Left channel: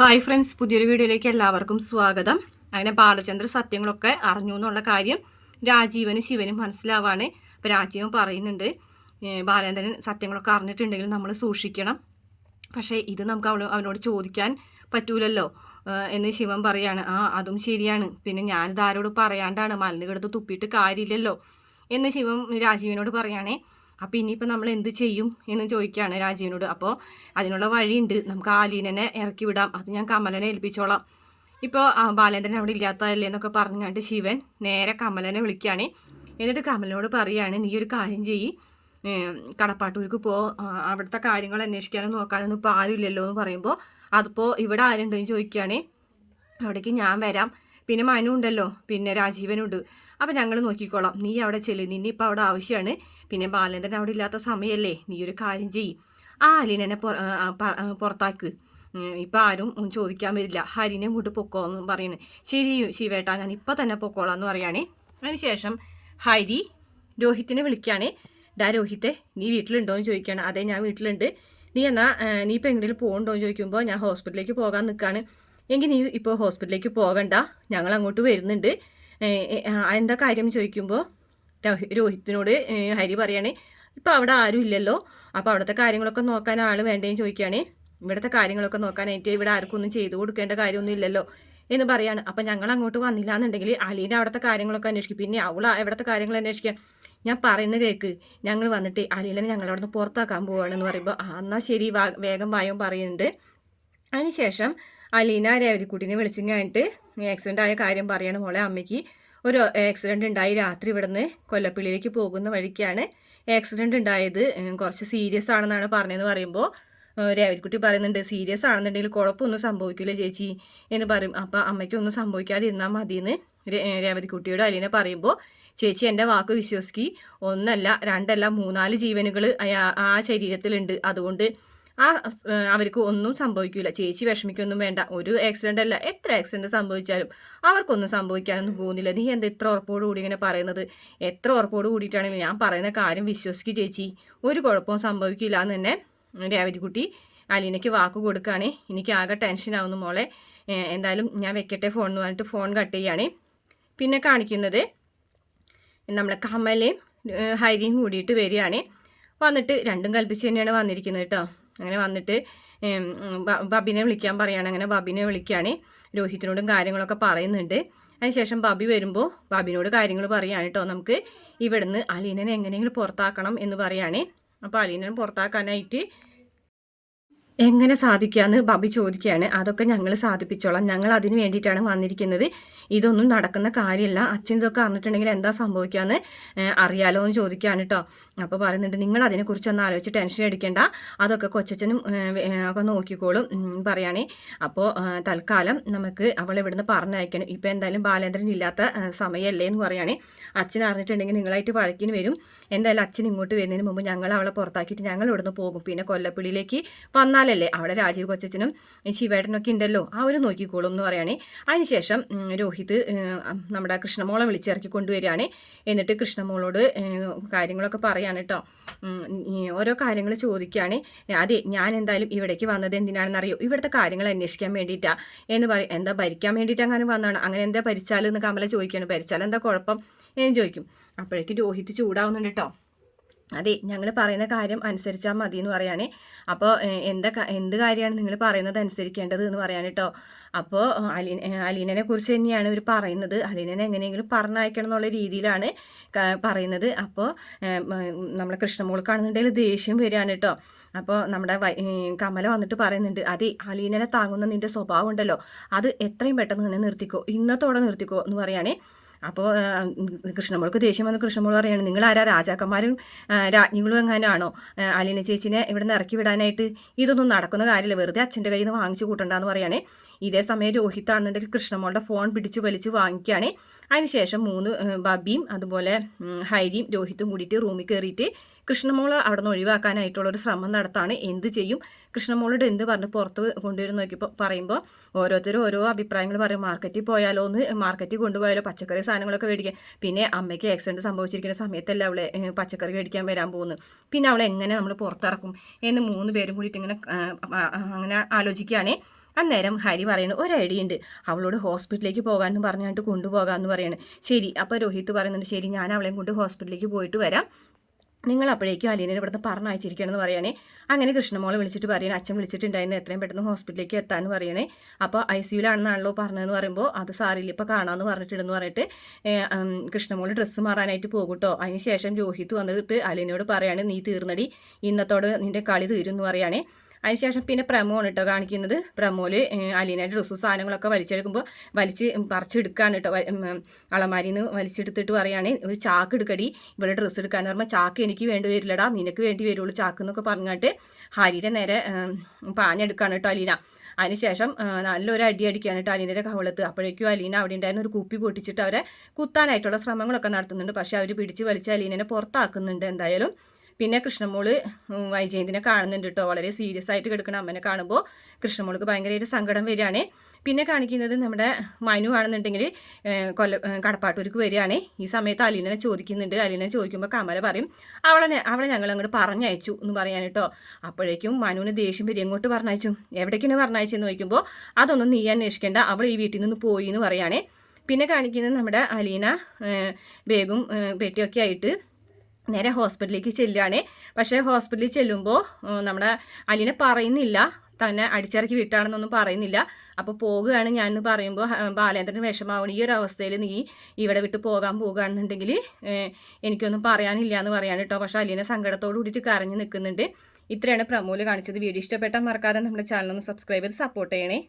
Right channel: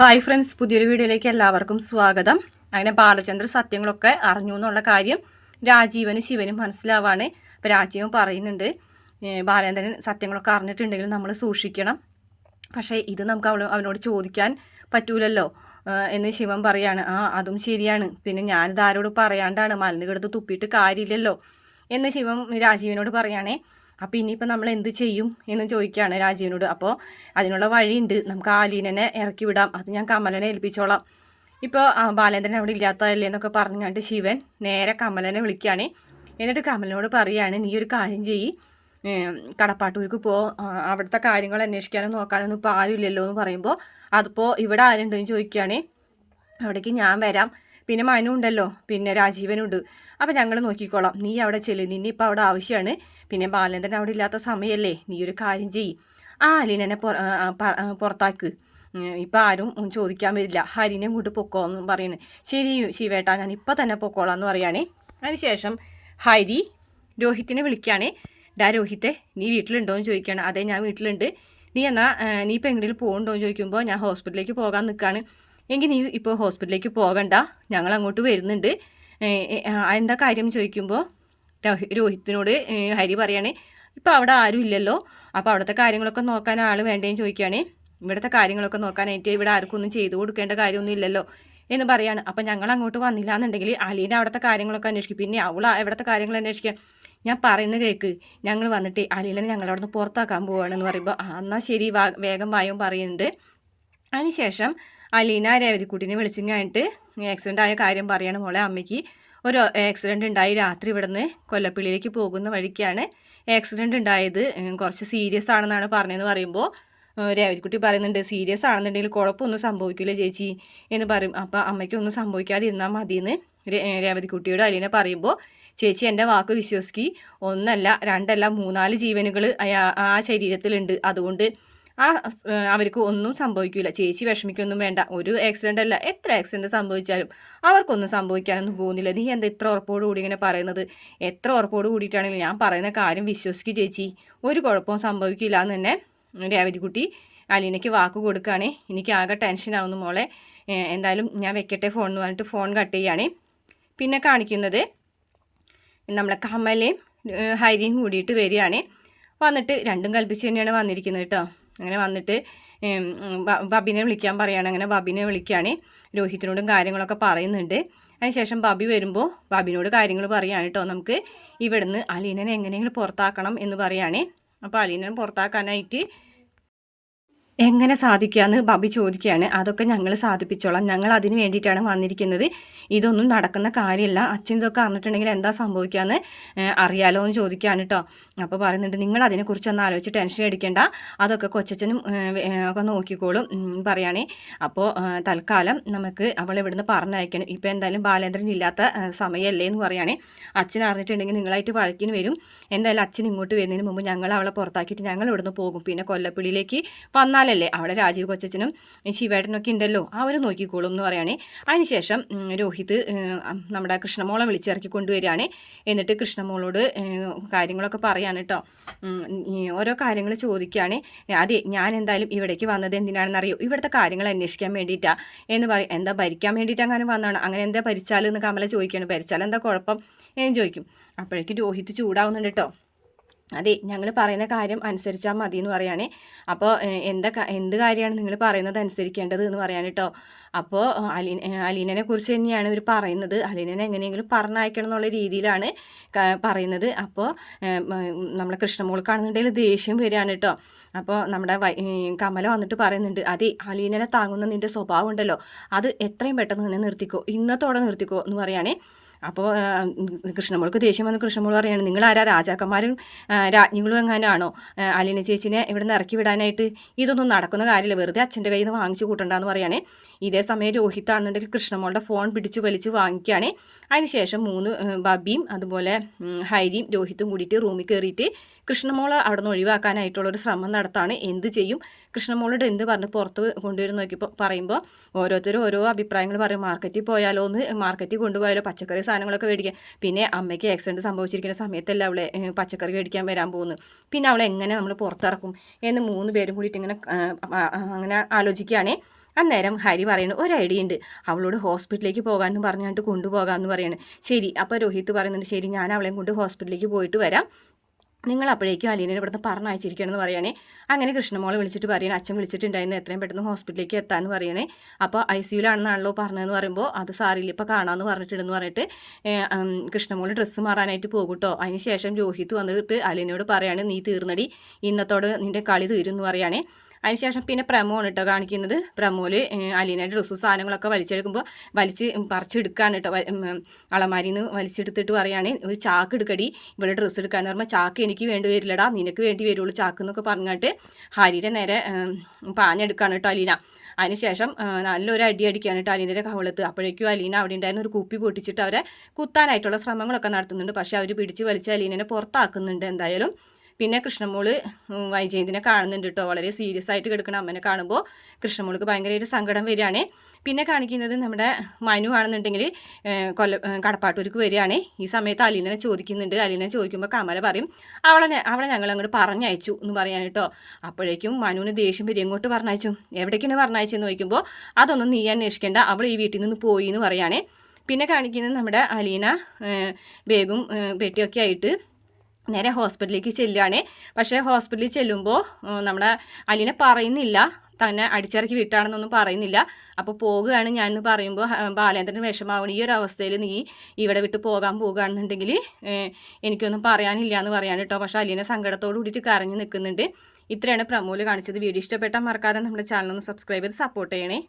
Hi friends, പുതിയൊരു വീഡിയോയിലേക്ക് എല്ലാവർക്കും സ്വാഗതം. അങ്ങനെ ബാലചന്ദ്ര സത്യങ്ങളൊക്കെ അറിഞ്ഞു എന്നുള്ള കാര്യം രാജീവനും ശിവനും മനസ്സിലാവാണ്. ഇപ്പോൾ രാജീവൻ പറയുന്നുണ്ട്, ബാലേന്ദ്രൻ സത്യങ്ങളൊക്കെ അറിഞ്ഞിട്ടുണ്ടെങ്കിൽ നമ്മൾ സൂക്ഷിക്കണം, പക്ഷേ ഇത് നമുക്ക് അവനോട് ചോദിക്കാൻ പറ്റൂലല്ലോ എന്ന് ശിവൻ പറയാണ്. അതും ശരിയാണ്, പിന്നെ ഞാനിത് ആരോട് പറയാണ്ടാണ്, മലന്ന് കിടത്ത് തുപ്പിയിട്ട് കാര്യമില്ലല്ലോ എന്ന് ശിവൻ രാജീവനോട് പറയുകയാണേ. അപ്പോൾ ഇനിയിപ്പോൾ നമ്മൾ എന്ത് ചെയ്യും എന്ന് ചോദിക്കുകയാണ് രാജീവനോട്. അപ്പോൾ അതിനുള്ള വഴിയുണ്ട്, നമുക്ക് ആലീനനെ ഇറക്കി വിടാം, അത് ഞാൻ കമലനെ ഏൽപ്പിച്ചോളാം. ഇപ്പോൾ ബാലേന്ദ്രൻ അവിടെ ഇല്ലാത്തതല്ലേ എന്നൊക്കെ പറഞ്ഞുകൊണ്ട് ശിവൻ നേരെ കമലനെ വിളിക്കുകയാണ്. എന്നിട്ട് കമലനോട് പറയുകയാണ്, നീ ഒരു കാര്യം ചെയ്യ്, കടപ്പാട്ടൂർക്ക് അവിടുത്തെ കാര്യങ്ങൾ അന്വേഷിക്കാനും നോക്കാനൊന്നും ഇപ്പോൾ ആരുമില്ലല്ലോ എന്ന് പറയുമ്പോൾ, അതിപ്പോൾ ഇവിടെ ആരുണ്ടോ എന്ന് ചോദിക്കുകയാണ്. അവിടേക്ക് ഞാൻ വരാം, പിന്നെ മനു ഉണ്ടല്ലോ, പിന്നെ രാജീവനുണ്ട്, അപ്പോൾ ഞങ്ങൾ നോക്കിക്കോളാം, നീ അവിടെ ചെല്ല്, നിന്നെ ഇപ്പോൾ അവിടെ ആവശ്യമാണ്, പിന്നെ ബാലേന്ദ്രൻ അവിടെ ഇല്ലാത്ത സമയമല്ലേ, നീ ഒരു കാര്യം ചെയ്യ്, അലീനനെ പുറത്താക്ക്, ഇപ്പം ആരും ചോദിക്കാൻ വരില്ല, ഹരിനെ ഇങ്ങോട്ട് പൊക്കോന്ന് പറയുന്നത്. ശരി ശിവേട്ടാ, ഞാൻ ഇപ്പം തന്നെ പൊക്കോളാം എന്ന് പറയുകയാണേ. അതിനുശേഷം ഹരി രോഹിത്തിനെ വിളിക്കുകയാണ്. രോഹിത്തെ, നീ വീട്ടിലുണ്ടോ എന്ന് ചോദിക്കുകയാണ്. അതെ, ഞാൻ വീട്ടിലുണ്ട്, നീ ഇപ്പം എങ്ങനെയും പോകുന്നുണ്ടോ എന്ന് ചോദിക്കുമ്പോൾ, ഞാൻ ഹോസ്പിറ്റലിലേക്ക് പോകാൻ നിൽക്കുകയാണ്. എങ്കിൽ നീ ഇപ്പോൾ ഹോസ്പിറ്റലിലേക്ക് പോകണ്ട, ഞങ്ങൾ അങ്ങോട്ട് വരുന്നുണ്ട്, എന്താ കാര്യം ചോദിക്കുമ്പോൾ രോഹിത്തിനോട് ഹരി പറയുകയാണ്, ഇപ്പോൾ അവിടെ ആരും ഇല്ലല്ലോ, അപ്പോൾ അവിടുത്തെ കാര്യങ്ങളൊക്കെ നോക്കാൻ ആൾ വേണ്ടേന്ന് ചോദിക്കുകയാണ്. ഇവിടുത്തെ കാര്യങ്ങളൊക്കെ നോക്കാനായിട്ട് ഇവിടെ ആർക്കും ഒന്നും ചെയ്തു കൊടുക്കേണ്ട കാര്യമൊന്നും ഇല്ലല്ലോ എന്ന് പറയാണ്. അപ്പോൾ ഞങ്ങൾ അങ്ങോട്ട് വന്നില്ല എന്നുണ്ടെങ്കിൽ അലീന അവിടുത്തെ കാര്യങ്ങളൊക്കെ അന്വേഷിക്കും, പിന്നെ അവൾ എവിടുത്തെ കാര്യങ്ങൾ അന്വേഷിക്കാൻ, ഞാൻ പറയുന്നത് കേൾക്ക്, ഞങ്ങൾ വന്നിട്ട് അലീനെ ഞങ്ങളവിടെ നിന്ന് പുറത്താക്കാൻ പോവുകയാണെന്ന് പറയുമ്പോൾ, എന്നാൽ ശരി വേഗം വായും പറയുന്നുണ്ട്. അതിനുശേഷം അലീന രേവതിക്കുട്ടിനെ വിളിച്ചിങ്ങായിട്ട് ആക്സിഡൻ്റ് ആയ കാര്യം പറയാണ്. മോളെ, അമ്മയ്ക്ക് ഒരു ആക്സിഡൻ്റ് ഉണ്ടായി, രാത്രി ഇവിടുന്ന് കൊല്ലപ്പള്ളിയിലേക്ക് പോകുന്ന വഴിക്കാണ് ആക്സിഡൻ്റ് ഉണ്ടായത്, കുറച്ച് സീരിയസ് ആണെന്നാണ് പറഞ്ഞതെന്ന് പറയുമ്പോൾ രേവതിക്കുട്ടി പറയുന്നുണ്ട്, സീരിയസ് ആണെന്നുണ്ടെങ്കിൽ കുഴപ്പമൊന്നും സംഭവിക്കില്ല ചേച്ചി എന്ന് പറയും. അപ്പോൾ അമ്മയ്ക്കൊന്നും സംഭവിക്കാതിരുന്നാൽ മതിയെന്ന് രേവതിക്കുട്ടിയോട് അലീന പറയുമ്പോൾ, ചേച്ചി എൻ്റെ വാക്ക് വിശ്വസിക്ക്, ഒന്നല്ല രണ്ടല്ല 3-4 ജീവനുകൾ ആ ശരീരത്തിലുണ്ട്, അതുകൊണ്ട് അവർക്ക് ഒന്നും സംഭവിക്കില്ല, ചേച്ചി വിഷമിക്കൊന്നും വേണ്ട, ഒരു ആക്സിഡൻ്റ് അല്ല, എത്ര ആക്സിഡൻറ്റ് സംഭവിച്ചാലും അവർക്കൊന്നും സംഭവിക്കാനൊന്നും പോകുന്നില്ല, നീ എന്താ ഇത്ര ഉറപ്പോട് കൂടി ഇങ്ങനെ പറയുന്നത്, എത്ര ഉറപ്പോട് കൂടിയിട്ടാണെങ്കിലും ഞാൻ പറയുന്ന കാര്യം വിശ്വസിക്ക് ചേച്ചി, ഒരു കുഴപ്പവും സംഭവിക്കില്ല എന്ന് തന്നെ രേവതിക്കുട്ടി അലീനയ്ക്ക് വാക്ക് കൊടുക്കുകയാണ്. എനിക്ക് ആകെ ടെൻഷനാവുന്നു മോളെ, എന്തായാലും ഞാൻ വെക്കട്ടെ ഫോൺ എന്ന് പറഞ്ഞിട്ട് ഫോൺ കട്ട് ചെയ്യുകയാണ്. പിന്നെ കാണിക്കുന്നത് നമ്മളെ കമലയും ഹരിയും കൂടിയിട്ട് വരികയാണ്. വന്നിട്ട് രണ്ടും കൽപ്പിച്ച് തന്നെയാണ് വന്നിരിക്കുന്നത് കേട്ടോ. അങ്ങനെ വന്നിട്ട് ബബിനെ വിളിക്കാൻ പറയുകയാണ്. അങ്ങനെ ബബിനെ വിളിക്കുകയാണ്, രോഹിത്തിനോടും കാര്യങ്ങളൊക്കെ പറയുന്നുണ്ട്. അതിനുശേഷം ബബി വരുമ്പോൾ ബബിനോട് കാര്യങ്ങൾ പറയുകയാണ് കേട്ടോ, നമുക്ക് ഇവിടുന്ന് അലീനനെ എങ്ങനെയെങ്കിലും പുറത്താക്കണം എന്ന് പറയുകയാണ്. അപ്പോൾ അലീനനെ പുറത്താക്കാനായിട്ട് എങ്ങനെ സാധിക്കാമെന്ന് ബബി ചോദിക്കുകയാണ്. അതൊക്കെ ഞങ്ങൾ സാധിപ്പിച്ചോളാം, ഞങ്ങൾ അതിന് വേണ്ടിയിട്ടാണ് വന്നിരിക്കുന്നത്, ഇതൊന്നും നടക്കുന്ന കാര്യമല്ല, അച്ഛൻ ഇതൊക്കെ അറിഞ്ഞിട്ടുണ്ടെങ്കിൽ എന്താ സംഭവിക്കാമെന്ന് അറിയാലോ എന്ന് ചോദിക്കുകയാണ് കേട്ടോ. അപ്പോൾ പറയുന്നുണ്ട്, നിങ്ങൾ അതിനെക്കുറിച്ചൊന്നും ആലോചിച്ച് ടെൻഷൻ അടിക്കേണ്ട, അതൊക്കെ കൊച്ചച്ഛനും ഒക്കെ നോക്കിക്കോളും പറയുകയാണേ. അപ്പോൾ തൽക്കാലം നമുക്ക് അവളെ ഇവിടുന്ന് പറഞ്ഞയക്കണം, ഇപ്പോൾ എന്തായാലും ബാലേന്ദ്രൻ ഇല്ലാത്ത സമയമല്ലേ എന്ന് പറയുകയാണേ. അച്ഛൻ അറിഞ്ഞിട്ടുണ്ടെങ്കിൽ നിങ്ങളായിട്ട് വഴക്കിന് വരും, എന്തായാലും അച്ഛൻ ഇങ്ങോട്ട് വരുന്നതിന് മുമ്പ് ഞങ്ങൾ അവളെ പുറത്താക്കിയിട്ട് ഞങ്ങൾ ഇവിടുന്ന് പോകും, പിന്നെ കൊല്ലപ്പിള്ളിയിലേക്ക് വന്നാലല്ലേ അവിടെ രാജീവ് കൊച്ചച്ഛനും ശിവേട്ടനൊക്കെ ഉണ്ടല്ലോ, അവർ നോക്കിക്കോളും എന്ന് പറയുകയാണേ. അതിനുശേഷം രോഹിത് നമ്മുടെ കൃഷ്ണമോളെ വിളിച്ചിറക്കി കൊണ്ടുവരികയാണ്. എന്നിട്ട് കൃഷ്ണമോളോട് കാര്യങ്ങളൊക്കെ പറയാണ് കേട്ടോ, ഓരോ കാര്യങ്ങൾ ചോദിക്കുകയാണ്. അതെ, ഞാൻ എന്തായാലും ഇവിടേക്ക് വന്നത് എന്തിനാണെന്നറിയോ, ഇവിടുത്തെ കാര്യങ്ങൾ അന്വേഷിക്കാൻ വേണ്ടിയിട്ടാണ് എന്ന് പറയും. എന്താ ഭരിക്കാൻ വേണ്ടിയിട്ട് അങ്ങനെ വന്നതാണ്, അങ്ങനെ എന്താ ഭരിച്ചാലെന്ന് കമല ചോദിക്കുകയാണ്. ഭരിച്ചാൽ എന്താ കുഴപ്പം എന്ന് ചോദിക്കും. അപ്പോഴേക്കും രോഹിത് ചൂടാവുന്നുണ്ട് കേട്ടോ. അതെ, ഞങ്ങൾ പറയുന്ന കാര്യം അനുസരിച്ചാൽ മതി എന്ന് പറയുകയാണ്. അപ്പോൾ എന്ത് കാര്യമാണ് നിങ്ങൾ പറയുന്നത് അനുസരിക്കേണ്ടത് എന്ന് പറയാൻ കേട്ടോ. അപ്പോൾ അലീനനെ കുറിച്ച് തന്നെയാണ് ഇവർ പറയുന്നത്, അലീനനെ എങ്ങനെയെങ്കിലും പറഞ്ഞയക്കണം എന്നുള്ള രീതിയിലാണ് പറയുന്നത്. അപ്പോൾ നമ്മളെ കൃഷ്ണമോൾ കാണുന്നുണ്ടെങ്കിൽ ദേഷ്യം വരികയാണ് കേട്ടോ. അപ്പോൾ നമ്മുടെ കമല വന്നിട്ട് പറയുന്നുണ്ട്, അതെ, അലീനനെ താങ്ങുന്ന നിൻ്റെ സ്വഭാവം ഉണ്ടല്ലോ, അത് എത്രയും പെട്ടെന്ന് തന്നെ നിർത്തിക്കോ, ഇന്നത്തോടെ നിർത്തിക്കോ എന്ന് പറയുകയാണ്. അപ്പോൾ കൃഷ്ണമോൾക്ക് ദേഷ്യം വന്ന് കൃഷ്ണമോൾ പറയുകയാണ്, നിങ്ങളാരാ രാജാക്കന്മാരും രാജ്ഞികളും എങ്ങനെയാണോ അലീന ചേച്ചിനെ ഇവിടെ നിന്ന് ഇറക്കി വിടാനായിട്ട്, ഇതൊന്നും നടക്കുന്ന കാര്യമില്ല, വെറുതെ അച്ഛൻ്റെ കയ്യിൽ നിന്ന് വാങ്ങിച്ചു കൂട്ടണ്ടെന്ന് പറയുകയാണ്. ഇതേ സമയം രോഹിത്താണെന്നുണ്ടെങ്കിൽ കൃഷ്ണമോളുടെ ഫോൺ പിടിച്ച് വലിച്ച് വാങ്ങിക്കുകയാണ്. അതിനുശേഷം ബബിയും അതുപോലെ ഹരിയും രോഹിത്തും കൂടിയിട്ട് റൂമിൽ കയറിയിട്ട് കൃഷ്ണമോളെ അവിടെ നിന്ന് ഒഴിവാക്കാനായിട്ടുള്ളൊരു ശ്രമം നടത്താണ്. എന്ത് ചെയ്യും, കൃഷ്ണമോളോട് എന്ത് പറഞ്ഞ് പുറത്ത് കൊണ്ടുവരും നോക്കിയപ്പോൾ പറയുമ്പോൾ ഓരോരുത്തരും ഓരോ അഭിപ്രായങ്ങൾ പറയും. മാർക്കറ്റിൽ പോയാലോ എന്ന്, മാർക്കറ്റിൽ കൊണ്ടുപോയാലോ പച്ചക്കറി സാധനങ്ങളൊക്കെ മേടിക്കാൻ, പിന്നെ അമ്മയ്ക്ക് ആക്സിഡൻറ്റ് സംഭവിച്ചിരിക്കുന്ന സമയത്തല്ല അവളെ പച്ചക്കറി മേടിക്കാൻ വരാൻ പോകുന്നത്, പിന്നെ അവളെ എങ്ങനെ നമ്മൾ പുറത്തിറക്കും എന്ന് 3 പേരും കൂടിയിട്ട് ഇങ്ങനെ അങ്ങനെ ആലോചിക്കുകയാണ്. അന്നേരം ഹരി പറയുന്നു ഒരു ഐഡിയ ഉണ്ട്, അവളോട് ഹോസ്പിറ്റലിലേക്ക് പോകാമെന്ന് പറഞ്ഞിട്ട് കൊണ്ടുപോകാമെന്ന് പറയാണ്. ശരി, അപ്പോൾ രോഹിത് പറയുന്നുണ്ട് ശരി ഞാൻ അവളെയും കൊണ്ട് ഹോസ്പിറ്റലിലേക്ക് പോയിട്ട് വരാം, നിങ്ങൾ അപ്പോഴേക്കും അലീനെ ഇവിടുന്ന് പറഞ്ഞയച്ചിരിക്കണമെന്ന് പറയണേ. അങ്ങനെ കൃഷ്ണമോളെ വിളിച്ചിട്ട് പറയണേ അച്ഛൻ വിളിച്ചിട്ടുണ്ടായിരുന്നു എത്രയും പെട്ടെന്ന് ഹോസ്പിറ്റലിലേക്ക് എത്താമെന്ന് പറയണേ. അപ്പോൾ ICUലാണെന്നാണല്ലോ പറഞ്ഞതെന്ന് പറയുമ്പോൾ അത് സാറില്ല ഇപ്പോൾ കാണാമെന്ന് പറഞ്ഞിട്ടുണ്ടെന്ന് പറഞ്ഞിട്ട് കൃഷ്ണമോൾ ഡ്രസ്സ് മാറാനായിട്ട് പോകും കേട്ടോ. അതിന് ശേഷം രോഹിത് വന്നിട്ട് അലീനോട് പറയാണ് നീ തീർന്നടി, ഇന്നത്തോട് നിൻ്റെ കളി തീരും എന്ന് പറയുകയാണേ. അതിനുശേഷം പിന്നെ പ്രമോണ് കേട്ടോ കാണിക്കുന്നത്. പ്രമോല് അലീനയുടെ ഡ്രസ്സും സാധനങ്ങളൊക്കെ വലിച്ചെടുക്കുമ്പോൾ പറിച്ചെടുക്കാണ് കേട്ടോ. അളമാരിയിൽ നിന്ന് വലിച്ചെടുത്തിട്ട് പറയുകയാണ് ഒരു ചാക്ക് എടുക്കടി ഇവിടെ ഡ്രസ്സ് എടുക്കാന്ന് പറയുമ്പോൾ ചാക്ക് എനിക്ക് വേണ്ടി വരില്ലടാ നിനക്ക് വേണ്ടി വരുള്ളൂ ചാക്ക് എന്നൊക്കെ പറഞ്ഞിട്ട് ഹരിയുടെ നേരെ പാഞ്ഞെടുക്കാണ് കേട്ടോ അലീന. അതിനുശേഷം നല്ലൊരു അടിക്കാണ് കേട്ടോ അലീനയുടെ കവളത്ത്. അപ്പോഴേക്കും അലീന അവിടെ ഉണ്ടായിരുന്ന ഒരു കുപ്പി പൊട്ടിച്ചിട്ട് അവരെ കുത്താനായിട്ടുള്ള ശ്രമങ്ങളൊക്കെ നടത്തുന്നുണ്ട്. പക്ഷേ അവർ പിടിച്ച് വലിച്ച് അലീനനെ പുറത്താക്കുന്നുണ്ട് എന്തായാലും. പിന്നെ കൃഷ്ണമോള് വൈജയന്തിനെ കാണുന്നുണ്ട് കേട്ടോ. വളരെ സീരിയസ് ആയിട്ട് കിടക്കുന്ന അമ്മനെ കാണുമ്പോൾ കൃഷ്ണമോൾക്ക് ഭയങ്കരമായിട്ട് സങ്കടം വരികയാണ്. പിന്നെ കാണിക്കുന്നത് നമ്മുടെ മനു ആണെന്നുണ്ടെങ്കിൽ കടപ്പാട്ടൂർക്ക് വരികയാണ്. ഈ സമയത്ത് അലീനനെ ചോദിക്കുന്നുണ്ട്. അലീനനെ ചോദിക്കുമ്പോൾ കമല പറയും അവളെ ഞങ്ങൾ അങ്ങോട്ട് പറഞ്ഞയച്ചു എന്ന് പറയാൻ കേട്ടോ. അപ്പോഴേക്കും മനുവിന് ദേഷ്യം വരും, എങ്ങോട്ട് പറഞ്ഞയച്ചു, എവിടേക്കാണ് പറഞ്ഞയച്ചെന്ന് ചോദിക്കുമ്പോൾ അതൊന്നും നീ അന്വേഷിക്കേണ്ട, അവൾ ഈ വീട്ടിൽ നിന്ന് പോയി എന്ന് പറയുകയാണ്. പിന്നെ കാണിക്കുന്നത് നമ്മുടെ അലീന ബാഗും പെട്ടിയൊക്കെ ആയിട്ട് നേരെ ഹോസ്പിറ്റലിലേക്ക് ചെല്ലുകയാണ്. പക്ഷേ ഹോസ്പിറ്റലിൽ ചെല്ലുമ്പോൾ നമ്മുടെ അലീന പറയുന്നില്ല തന്നെ അടിച്ചിറക്കി വിട്ടാണെന്നൊന്നും പറയുന്നില്ല. അപ്പോൾ പോകുകയാണ് ഞാൻ എന്ന് പറയുമ്പോൾ ബാലേന്ദ്രന് വിഷമാവണം, ഈ ഒരു അവസ്ഥയിൽ നീ ഇവിടെ വിട്ട് പോകാൻ പോകുകയാണെന്നുണ്ടെങ്കിൽ എനിക്കൊന്നും പറയാനില്ല എന്ന് പറയാണ് കേട്ടോ. പക്ഷേ അലീന സങ്കടത്തോട് കൂടിയിട്ട് കരഞ്ഞു നിൽക്കുന്നുണ്ട്. ഇത്രയാണ് പ്രമോല് കാണിച്ചത്. വീഡിയോ ഇഷ്ടപ്പെട്ടാൽ മറക്കാതെ നമ്മുടെ ചാനൽ ഒന്ന് സബ്സ്ക്രൈബ് ചെയ്ത് സപ്പോർട്ട് ചെയ്യണേ.